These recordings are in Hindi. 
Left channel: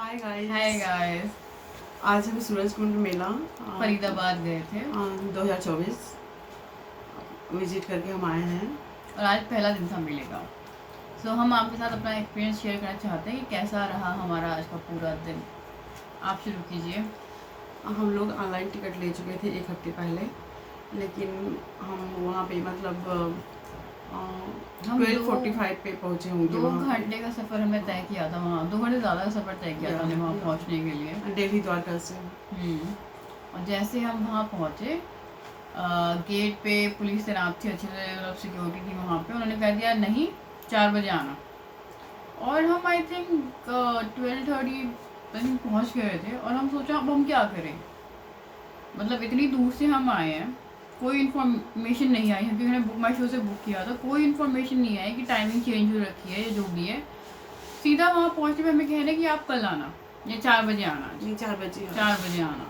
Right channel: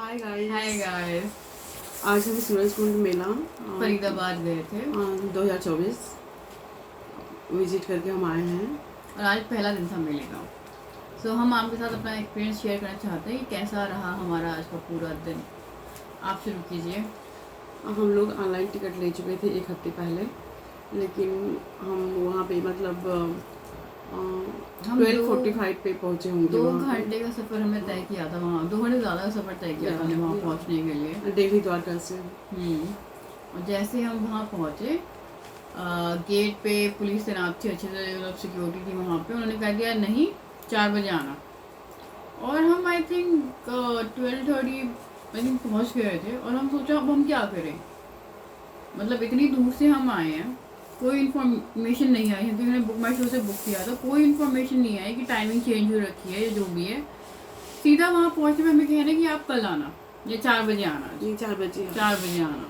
Hi guys. Hi guys. आज हम सूरज कुंड मेला फरीदाबाद गए थे 2024 विजिट करके हम आए हैं। और आज पहला दिन था मेले का। सो हम आपके साथ अपना एक्सपीरियंस शेयर करना चाहते हैं कि कैसा रहा हमारा आज का पूरा दिन। आप शुरू कीजिए। हम लोग ऑनलाइन टिकट ले चुके थे एक हफ्ते पहले, लेकिन हम वहाँ पे मतलब हम 12:45 पे पहुँचे होंगे। 2 घंटे का सफ़र हमने तय किया था वहाँ, 2 घंटे ज़्यादा का सफ़र तय किया था हमने वहाँ पहुँचने के लिए, दिल्ली द्वारका से। और जैसे हम वहाँ पहुँचे, गेट पे पुलिस तैनात थी, अच्छे से मतलब सिक्योरिटी थी वहाँ पे। उन्होंने कह दिया नहीं 4 बजे आना, और हम आई थिंक 12:30 पहुँच गए थे। और हम सोचा अब हम क्या करें, मतलब इतनी दूर से हम आए हैं, कोई इन्फॉर्मेशन नहीं आई है, क्योंकि मैंने बुक माई शो से बुक किया था। कोई इन्फॉर्मेशन नहीं आई कि टाइमिंग चेंज हो रखी है या जो भी है। सीधा वहाँ पहुँचने पर हमें कह रहे हैं कि आप कल आना या 4 बजे आना। जी 4 बजे आना।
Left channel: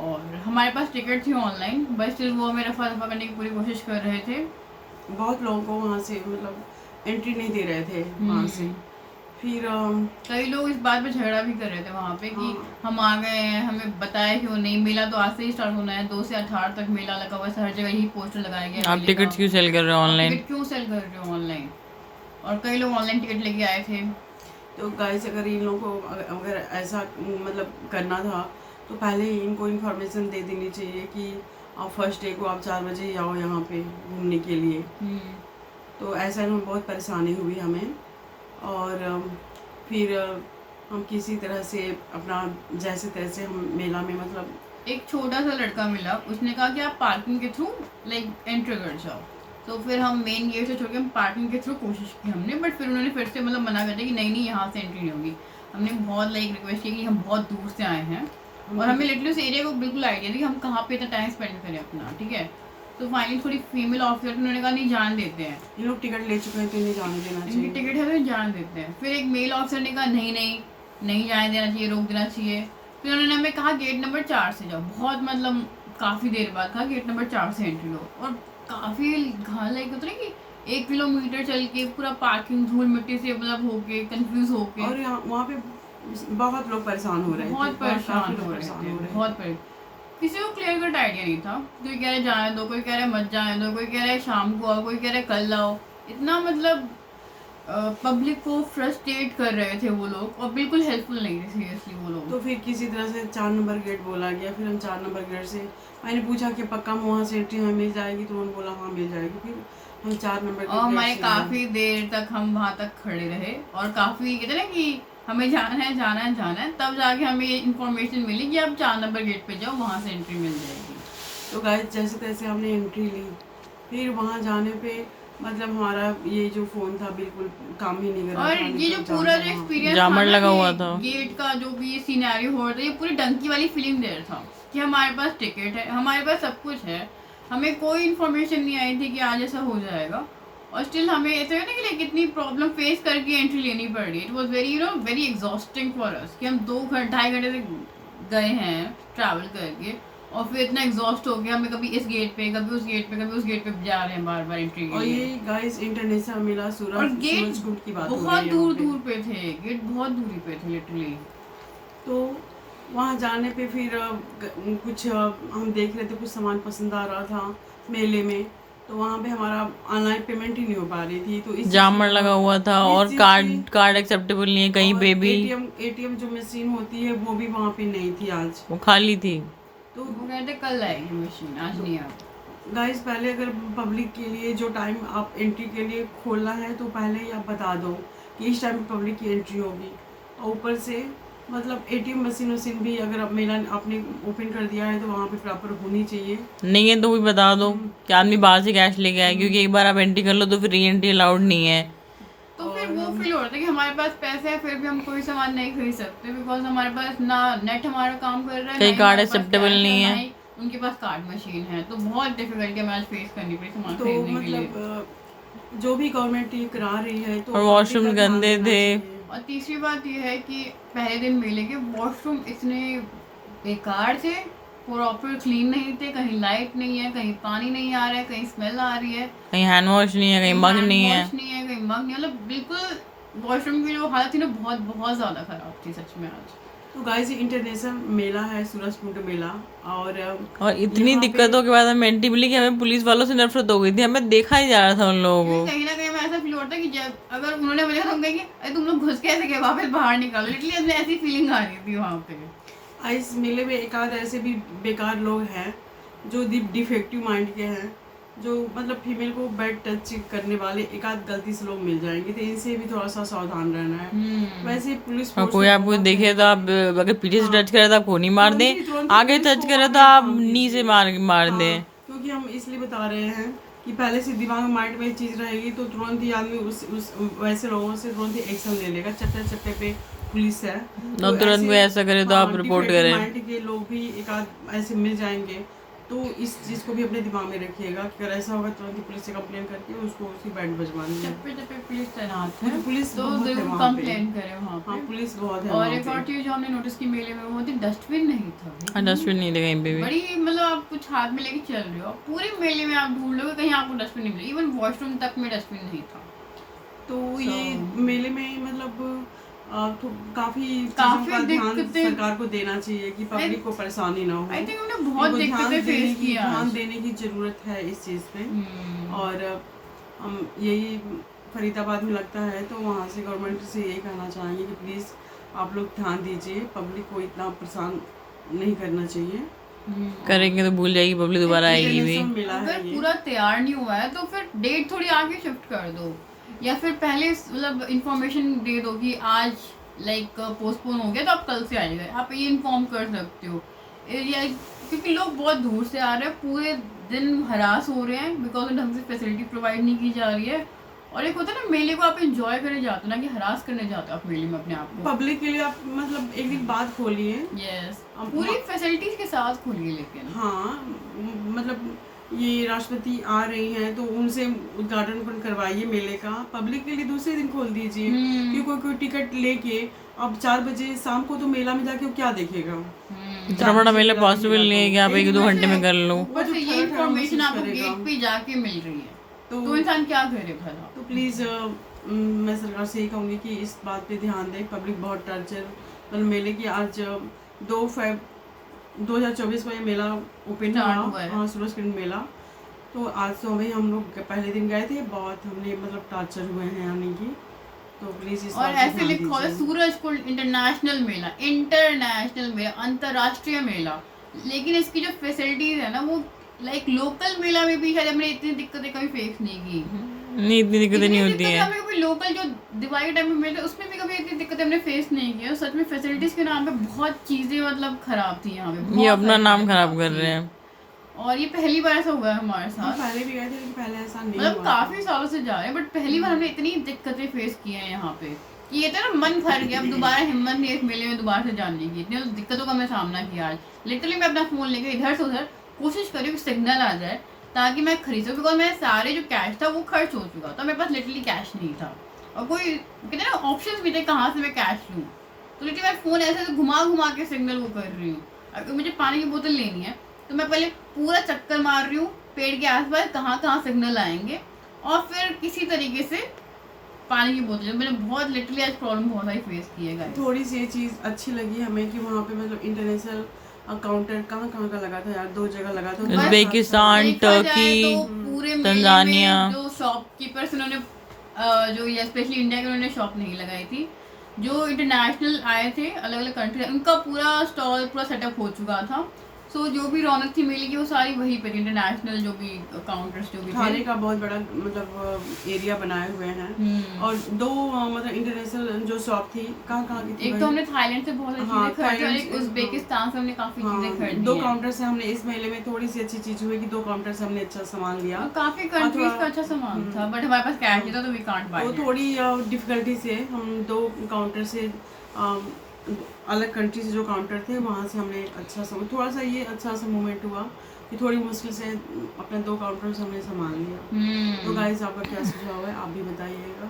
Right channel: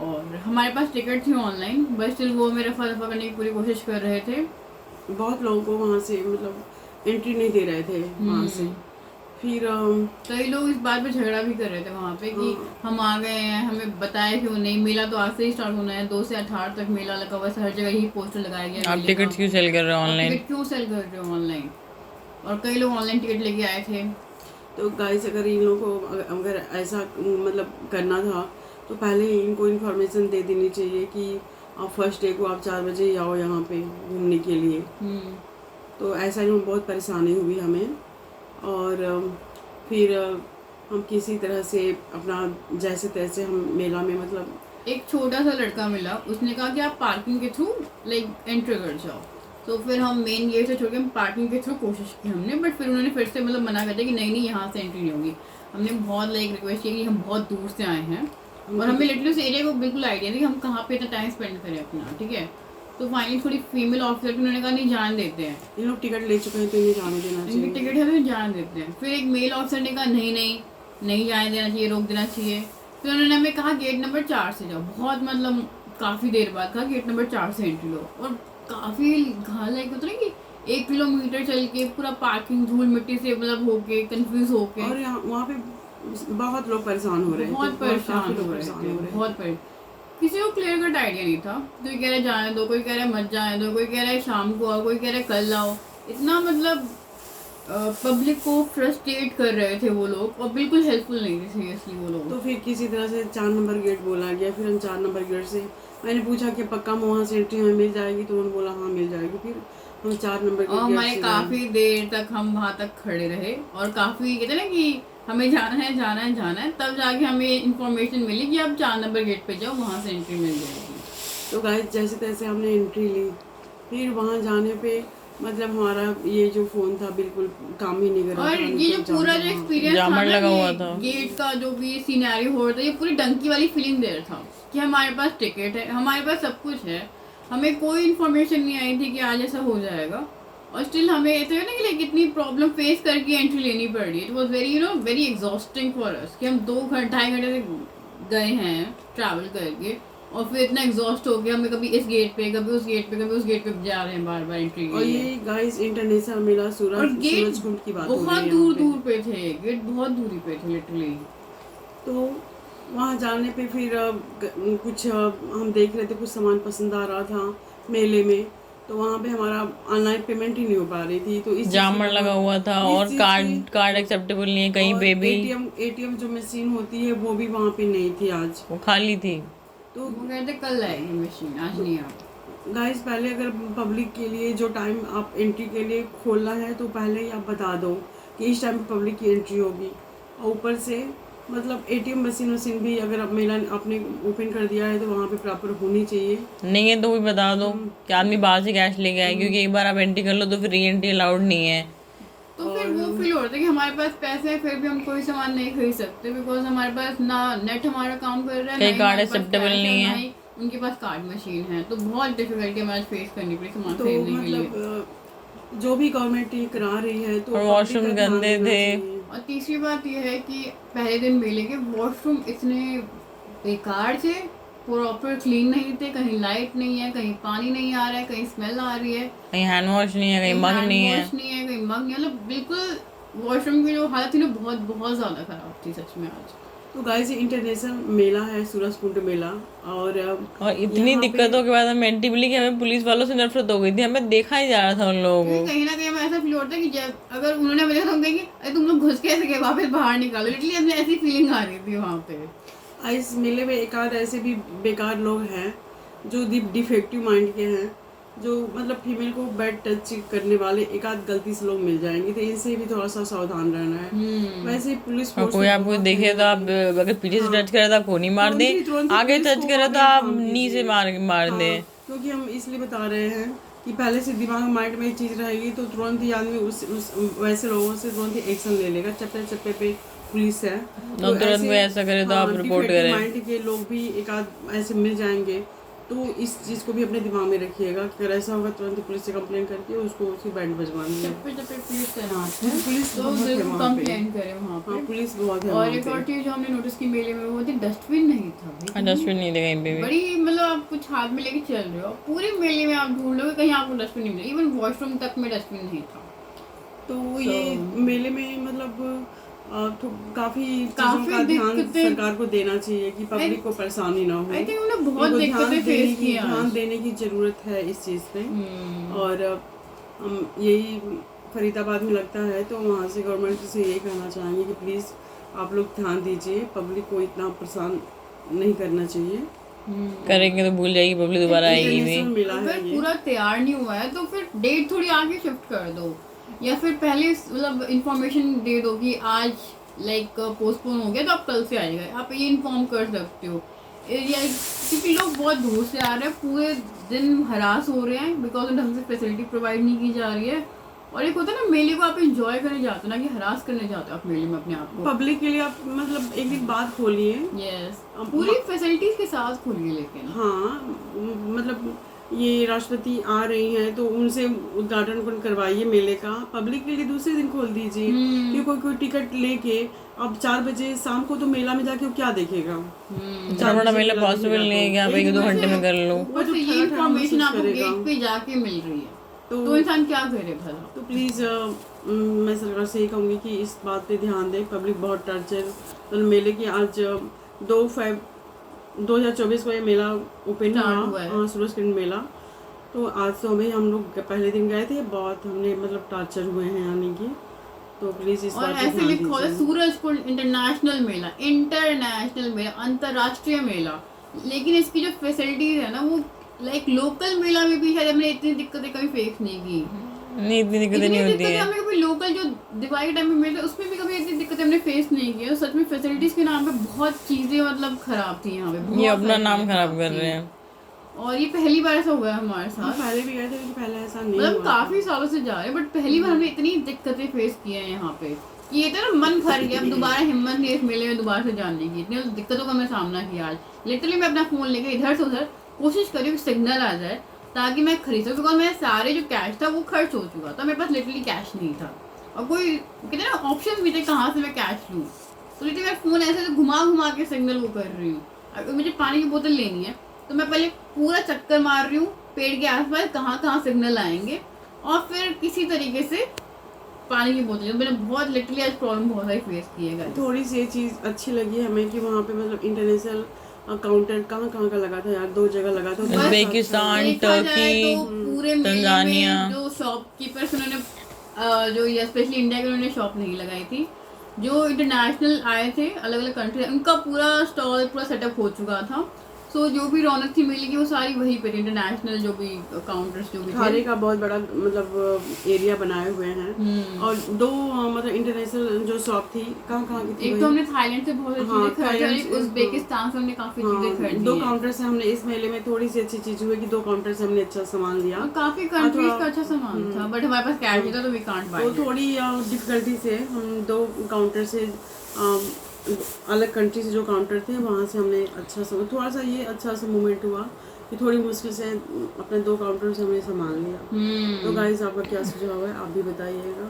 और हमारे पास टिकट थी ऑनलाइन, बस स्टिल वो हमें रफा दफा करने की पूरी कोशिश कर रहे थे। बहुत लोगों को वहाँ से मतलब एंट्री नहीं दे रहे थे वहाँ से। फिर कई लोग इस बात पे झगड़ा भी कर रहे थे वहाँ पे कि हम आ गए हैं, हमें बताया क्यों नहीं। मेला तो आज से ही स्टार्ट होना है, 2 से 18 तक मेला लगा हुआ है, हर जगह ही पोस्टर लगाया गया। आप टिकट क्यों सेल कर रहे हो ऑनलाइन? टिकट क्यों सेल कर रहे हो ऑनलाइन? और कई लोग ऑनलाइन टिकट लेके आए थे। तो गाइस, अगर इन लोगों को अगर ऐसा मतलब करना था तो पहले ही इनको इन्फॉर्मेशन दे देनी चाहिए कि आप फर्स्ट डे को आप 4 बजे ही आओ यहाँ पे घूमने के लिए। तो ऐसा में बहुत परेशानी हुई हमें। और फिर हम किसी तरह से अपना जैसे तैसे हम मेला में मतलब एक छोटा सा लड़का मिला, उसने कहा कि आप पार्किंग के थ्रू लाइक एंटर कर जाओ। तो फिर हम मेन गेट से छोड़ के हम पार्किंग के थ्रू कोशिश की हमने, बट फिर उन्होंने फिर से मतलब मना कर दिया कि नहीं नहीं यहाँ से एंट्री नहीं होगी। हमने बहुत लाइक रिक्वेस्ट की कि हम बहुत दूर से आए हैं और हमें लिटरली उस एरिया को बिल्कुल आइडिया नहीं कि हम कहाँ पे इतना टाइम स्पेंड करें अपना, ठीक है। तो फाइनली थोड़ी फीमेल ऑफिसर भी उन्होंने कहा नहीं जान देते हैं, ये लोग टिकट ले चुके हैं तो इन्हें जाने देना चाहिए, इनकी टिकट है तो जान देते हैं। फिर एक मेल ऑफिसर ने कहा नहीं नहीं नहीं जाने देना चाहिए, रोक देना चाहिए। फिर उन्होंने हमें कहा गेट नंबर 4 से जाओ। बहुत मतलब काफ़ी देर बाद कहा गेट नंबर 4 से एंट्री लो। और काफ़ी घाल लाइक होता है कि 1 किलोमीटर चल के पूरा पार्किंग धूल मिट्टी से मतलब होके कंफ्यूज होके, और वहाँ पे बहुत लोग परेशान हो रहे हैं, बहुत परेशान हो रहे थे, बहुत किसी को क्लियर कट आइडिया नहीं था। कोई कह रहे जाने दो, कोई कह रहे मत जाने दो, कोई कह रहे शाम को आओ, कोई कह रहे कल आओ। इतना मतलब पब्लिक को फ्रस्ट्रेट कर रहे थे वो लोग, और बिल्कुल हेल्पफुल नहीं थे सीरियसली वो लोग। तो फिर किसी तरह से 4 नंबर गेट बोला गया। फिर हम 4 नंबर गेट से मैंने पूछा कि पक्का वहाँ से एंट्री हमें मिल जाएगी, तो उन्होंने बोला हाँ मिल जाएगी। फिर हम 4 नंबर और हमारे काफ़ी देर तक हम वहाँ तक खड़े रहे, और काफ़ी कहते ना कि हमें जाना है जाना है जाना है, तब जाके हमें इन्फॉर्मेशन मिली कि आप 4 नंबर गेट पे जाओ, वहाँ से एंट्री मिल जाएगी। तो गाइस जैसे तैसे हमने एंट्री ली। फिर वहाँ जाने पे मतलब हमारा ये जो फोन था बिल्कुल काम ही नहीं कर रहा था। और ये जो पूरा जो एक्सपीरियंस था लगा हुआ था गेट का, जो भी सिनेरियो हो रहा था, ये पूरी डंकी वाली फीलिंग दे रहा था कि हमारे पास टिकट है, हमारे पास सब कुछ है, हमें कोई इन्फॉर्मेशन नहीं आई थी कि आज ऐसा हो जाएगा। और स्टिल हमें ऐसा है ना कि लाइक इतनी प्रॉब्लम फेस करके एंट्री लेनी पड़ रही है। It was very very exhausting for us कि हम 2-2.5 घंटे से गए हैं ट्रैवल करके, और फिर इतना एग्जॉस्ट हो गया हमें, कभी इस गेट पे कभी उस गेट पे कभी उस गेट पे जा रहे हैं बार बार एंट्री के लिए। और ये गाइस इंटरनेशनल मेला सूरज कुंड की बात हो रही है, बहुत दूर दूर पे थे, गेट बहुत दूरी पे थे लिटरली। तो वहाँ जाने पे फिर कुछ हम देख रहे थे, कुछ सामान पसंद आ रहा था मेले में, तो वहाँ पे हमारा ऑनलाइन पेमेंट ही नहीं हो पा रही थी। तो इस जामर लगा हुआ था, और कार्ड एक्सेप्टेबल नहीं है कहीं पे भी। एटीएम जो मशीन होती है वो भी वहाँ पे नहीं थी, आज वो खाली थी। तो वो कहते कल आएगी मशीन, आज नहीं आ। गाइस पहले अगर पब्लिक के लिए जो टाइम आप एंट्री के लिए खोलना है तो पहले ही आप बता दो कि इस टाइम पे पब्लिक की एंट्री होगी। और ऊपर से मतलब एटीएम मशीन भी अगर अब मेला आपने ओपन कर दिया है तो वहाँ पे प्रॉपर होनी चाहिए। नहीं है तो भी बता दो कि आदमी बाहर से कैश लेके आए, क्योंकि एक बार आप एंट्री कर लो तो फिर री एंट्री अलाउड नहीं है। तो फिर वो फील होता है कि हमारे पास पैसे हैं फिर भी हम कोई सामान नहीं खरीद सकते, बिकॉज हमारे पास ना नेट हमारा काम कर रहा है, कहीं कार्ड एक्सेप्टेबल नहीं है, उनके पास कार्ड मशीन है। तो बहुत डिफिकल्टी हमें फेस करनी पड़ी सामान खरीदने के लिए। जो भी गवर्नमेंट ये करा रही है तो वॉशरूम गंदे थे। और तीसरी बात यह है कि पहले दिन मेले के वॉशरूम इतने बेकार थे, प्रॉपर क्लीन नहीं थे, कहीं लाइट नहीं है, कहीं पानी नहीं आ रहा है, कहीं स्मेल आ रही है, कहीं हैंड वॉश नहीं है, कहीं मग नहीं है, कहीं मग नहीं, मतलब बिल्कुल वॉशरूम की जो हालत थी ना बहुत बहुत ज़्यादा ख़राब थी सच में आज। तो गाइस, इंटरनेशनल मेला है सूरजकुंड मेला, और इतनी यहाँ पे दिक्कतों के बाद हमें एंटी मिली कि हमें पुलिस वालों से नफरत हो गई थी, हमें देखा ही जा रहा था उन लोगों क्योंकि को। कहीं ना कहीं मैं ऐसा फील होता है कि जब अगर उन्होंने बोला तो हम कहेंगे अरे तुम लोग घुस कैसे गए वापस बाहर निकालो, इसलिए हमें ऐसी फीलिंग आ रही थी वहाँ पे। इस मेले में एक आध ऐसे भी बेकार लोग हैं जो डिफेक्टिव माइंड के हैं, जो मतलब फीमेल को बैड टच करने वाले एक आध गलती से लोग मिल जाएंगे, तो इनसे भी थोड़ा सा सावधान रहना है। वैसे पुलिस और फोर्स कोई तो आपको बहुत देखे है तो यहाँ आप पे। अगर पीछे से टच करे तो आप खून ही मार दे, तुरंत ही आगे पुलिस टच को करे तो आगे आप थाम नी से दीजिए। मार हाँ, दे। क्योंकि हम इसलिए बता रहे हैं कि पहले से दिमाग माइंड में ये चीज़ रहेगी तो तुरंत ही आदमी उस वैसे लोगों से तुरंत ही एक्शन ले लेगा। चप्पे चप्पे पे पुलिस है, तो तुरंत में ऐसा करे तो आप रिपोर्ट करें। माइंड के लोग भी एक आध ऐसे मिल जाएंगे, तो इस चीज़ को भी अपने दिमाग में रखिएगा कि अगर ऐसा होगा तुरंत ही पुलिस से कंप्लेन करके उसको उसकी बैंड बजवा दीजिए। चप्पे चप्पे पुलिस तैनात क्योंकि है, पुलिस तो बहुत है जरूर वहाँ पे। कंप्लेन करें वहाँ हाँ, पे। पुलिस बहुत है और वहाँ एक और पे। चीज़ जो हमने नोटिस की मेले में वो थी डस्टबिन नहीं था भाई। डस्टबिन नहीं थे कहीं पे भी। बड़ी मतलब आप कुछ हाथ में लेके चल रहे हो, पूरे मेले में आप ढूंढ लोगे कहीं आपको डस्टबिन नहीं मिलेगा, इवन वॉशरूम तक में डस्टबिन नहीं था। तो ये मेले में मतलब तो काफी चीजों काफी का ध्यान दिक्कतें- सरकार को देना चाहिए कि पब्लिक को परेशानी ना हो। आई थिंक उन्होंने बहुत इनको दिक्कतें फेस की हैं ध्यान आज। देने की जरूरत है इस चीज़ पे। और हम यही फरीदाबाद में लगता है, तो वहाँ से गवर्नमेंट से यही कहना चाहेंगे कि प्लीज़ आप लोग ध्यान दीजिए, पब्लिक को इतना परेशान नहीं करना चाहिए। करेंगे तो भूल जाएगी पब्लिक, दोबारा आएगी भी। इंटरनेशनल मेला है अगर ये। पूरा तैयार नहीं हुआ है तो फिर डेट थोड़ी आगे शिफ्ट कर दो, या फिर पहले मतलब इंफॉर्मेशन दे दो कि आज लाइक पोस्टपोन हो गया तो आप कल से आइएगा, आप ये इन्फॉर्म कर सकते हो। या क्योंकि लोग बहुत दूर से आ रहे हैं, पूरे दिन हरास हो रहे हैं बिकॉज ढंग से फैसिलिटी प्रोवाइड नहीं की जा रही है। और एक होता है ना मेले को आप एंजॉय करने जाते हो ना कि हरास करने जाते हो आप मेले में अपने आप को। पब्लिक के लिए आप मतलब एक एक बात खोलिए। यस, पूरी फैसिलिटीज के साथ खोलिए, लेकिन हाँ, मतलब ये राष्ट्रपति आ रही हैं तो उनसे उद्घाटन करवाइए मेले का, पब्लिक के लिए दूसरे दिन खोल दीजिए। कि कोई टिकट लेके अब 4 बजे शाम को तो मेला में जाके वो क्या देखेगा। इतना बड़ा मेला पॉसिबल नहीं है कि आप 1-2 घंटे में कर लो। ऊपर से ये इन्फॉर्मेशन आपको गेट पे जाके मिल रही है, तो इंसान क्या करे भला। तो प्लीज़ मैं सरकार से यही कहूँगी कि इस बात पे ध्यान दें। पब्लिक बहुत टर्चर, मतलब मेले की आज 2 फरवरी 2024 में ये मेला ओपन हुआ, हाँ सूरजकुंड मेला। तो आज तो हम लोग पहले दिन गए थे, बहुत हमने मतलब टार्चर हुए हैं आने की। तो प्लीज़ इस और बात पे ऐसे ध्यान लिखा है दीजिए। सूरजकुंड इंटरनेशनल मेला, इंटरनेशनल मेला, अंतरराष्ट्रीय मेला, लेकिन इसकी जो फैसिलिटीज है ना वो लाइक लोकल मेला में भी शायद हमने इतनी दिक्कतें कभी फेस नहीं की। नहीं, इतनी दिक्कतें नहीं होती है। हमें कभी लोकल जो दिवाली टाइम में मिलते उसमें भी कभी इतनी दिक्कतें हमने फेस नहीं की। और सच में फैसिलिटीज के नाम पे बहुत चीजें मतलब खराब थी यहाँ पे, ये अपना नाम खराब कर रहे हैं। और ये पहली बार ऐसा हुआ है हमारे हम साथ। पहले भी गए थे लेकिन पहले ऐसा नहीं मतलब हुआ। काफी सालों से जा रहे हैं बट पहली बार हमने इतनी दिक्कतें फेस की हैं यहाँ पे कि ये तो ना मन भर गया, अब दोबारा हिम्मत नहीं है इस मेले में दोबारा से जाने की। इतनी दिक्कतों का मैं सामना किया आज। लिटरली मैं अपना फोन लेकर इधर से उधर कोशिश करी कि सिग्नल आ जाए ताकि मैं खरीद सकूँ, बिकॉज मेरे सारे जो कैश था वो खर्च हो चुका था, मेरे पास लिटरली कैश नहीं था और कोई कहते ना ऑप्शन भी थे कहाँ से मैं कैश लूँ। तो लिटरली मैं फ़ोन ऐसे घुमा घुमा के सिग्नल वो कर रही हूँ। अगर मुझे पानी की बोतल लेनी है तो मैं पहले पूरा चक्कर मार रही हूँ पेड़ के आसपास कहाँ कहाँ सिग्नल आएंगे और फिर किसी तरीके से पानी की बोतल। मैंने बहुत लिटरली आज प्रॉब्लम बहुत सारी फेस की है। थोड़ी सी ये चीज़ अच्छी लगी हमें कि वहाँ पे मतलब इंटरनेशनल काउंटर कहाँ कहाँ का लगा था यार, 2 जगह लगा था। उज्बेकिस्तान, टर्की, पूरे तंजानिया। जो शॉपकीपर्स उन्होंने जो ये स्पेशली इंडिया के उन्होंने शॉप नहीं लगाई थी, जो इंटरनेशनल आए थे अलग अलग कंट्री, उनका पूरा स्टॉल पूरा सेटअप हो चुका था। सो जो भी रौनक थी मेले की वो सारी वहीं पर इंटरनेशनल जो भी काउंटर्स जो भी खाने का बहुत बड़ा मतलब एरिया बनाए हुए हैं। और 2 मतलब इंटरनेशनल जो शॉप थी कहाँ कहाँ की थी? एक तो हमने थाईलैंड से बहुत हाँ, चीजें खरीदी और एक थाईलैंड से, उज्बेकिस्तान से हमने काफी चीजें खरीदी 2 हैं। काउंटर से हमने इस मेले में थोड़ी सी अच्छी चीज हुई कि 2 काउंटर से हमने अच्छा सामान लिया। और काफी कंट्रीज का अच्छा सामान था बट हमारे पास कैश नहीं था तो वी कांट बाय। तो थोड़ी डिफिकल्टी से हम 2 काउंटर से अलग कंट्री से जो काउंटर थे वहाँ से हमने अच्छा थोड़ा सा ये अच्छा सा मोमेंट हुआ कि थोड़ी मुश्किल से अपने 2 काउंटर से हमने सामान लिया। तो गाइस आपका क्या सुझाव है आप भी बताइएगा।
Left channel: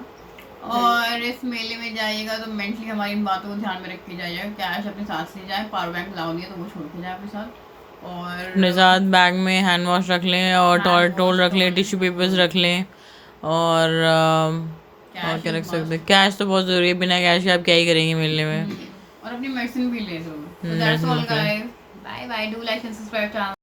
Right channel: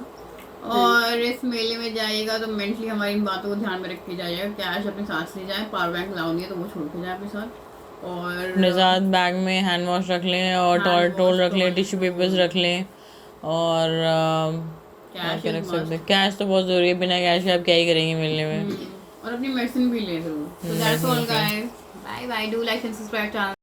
और इस मेले में जाइएगा तो मेंटली हमारी इन बातों को ध्यान में रख के जाइएगा, कैश अपने साथ ले जाए, पावर बैंक लाओ नहीं है तो वो छोड़ के जाए अपने साथ। और अपने साथ बैग में हैंड वॉश रख लें और टॉल रख लें, टिश्यू पेपर्स रख लें और कैश के रख सकते हैं। कैश तो बहुत जरूरी है, बिना कैश के आप क्या ही करेंगे मिलने में। और अपनी मेडिसिन भी ले जरूर। That's all guys, bye bye, do like and subscribe.